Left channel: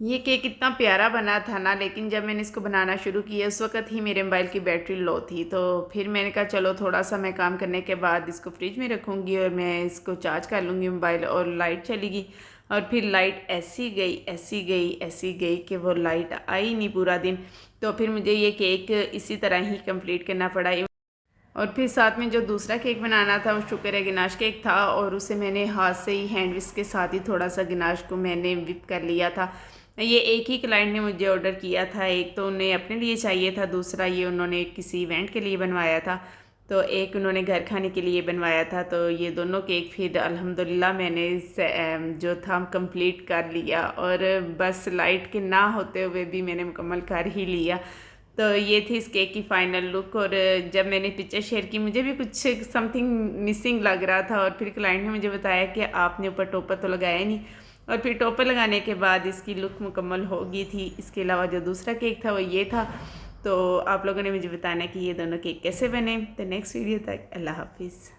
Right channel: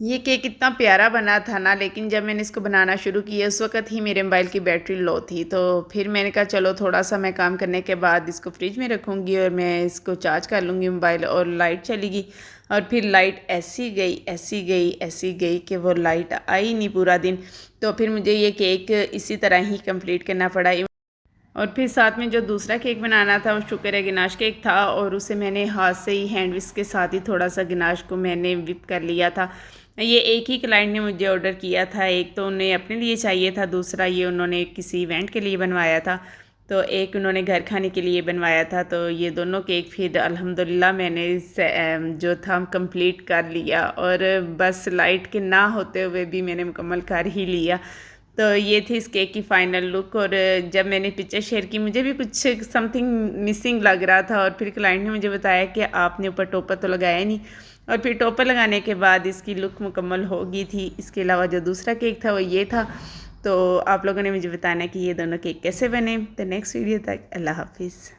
ये केक इतना प्यारा बना था ना, लेकिन जब मैंने इसको बनाना शुरू किया उस वक़्त ही मेरे मोबाइल की बैटरी लो थी। तो फिर मैंने कहा चलो थोड़ा-सा मैं काम करने के बाद इसको फ्रिज में रखूँगी और मैं इसको चार्ज कर लूँगी मोबाइल, और लाइट चली गई। और फिर लाइट ऐसी गई, ऐसी गई, ऐसी गई कि वो लाइट आई नहीं पूरा दिन। तो फिर मुझे ये केक इसी तरह ही कंप्लीट करना पड़ा। और फिर साथ में जो दूसरा केक बनाना था वो शुक्र है गनाश केक था, और उसे मैंने हाथ से ही हैंड विस्क के साथ ही थोड़ा सा गनाश को मैंने विप कर लिया था। ये एक ही क्लाइंट ने मुझे ऑर्डर किया था, एक तो उन्हें अपने लिए चाहिए था, दूसरा ये उन्होंने किसी इवेंट के लिए बनवाया था, तो एक उन्होंने घर खाने के लिए बनवाया था। तो ये दोनों केक फिर अल्हम्दुलिल्लाह मैंने जो था कंप्लीट कर लिया, और बस लाइट के ना होते हुए भी मैंने मुकम्मल कर ही लिया। तो ये थी इस केक की फ़ाइनल लुक। और जब मैंने पिक्चर शेयर की मुझे भी कुछ समथिंग मिसिंग लग रहा था, और फिर क्लाइंट ने मुझे बताया कि आपने ऊपर टॉपर तो लगाया नहीं। और फिर टॉपर लगाने के बाद इसकी लुक मुकम्मल हो गई थी। इसके अलावा जो दूसरा केक था वो ये था। तो आप लोगों ने मुझे बताना कि ये दोनों केक कैसे बने। तो नेक्स्ट वीडियो तक अल्लाह हाफिज़।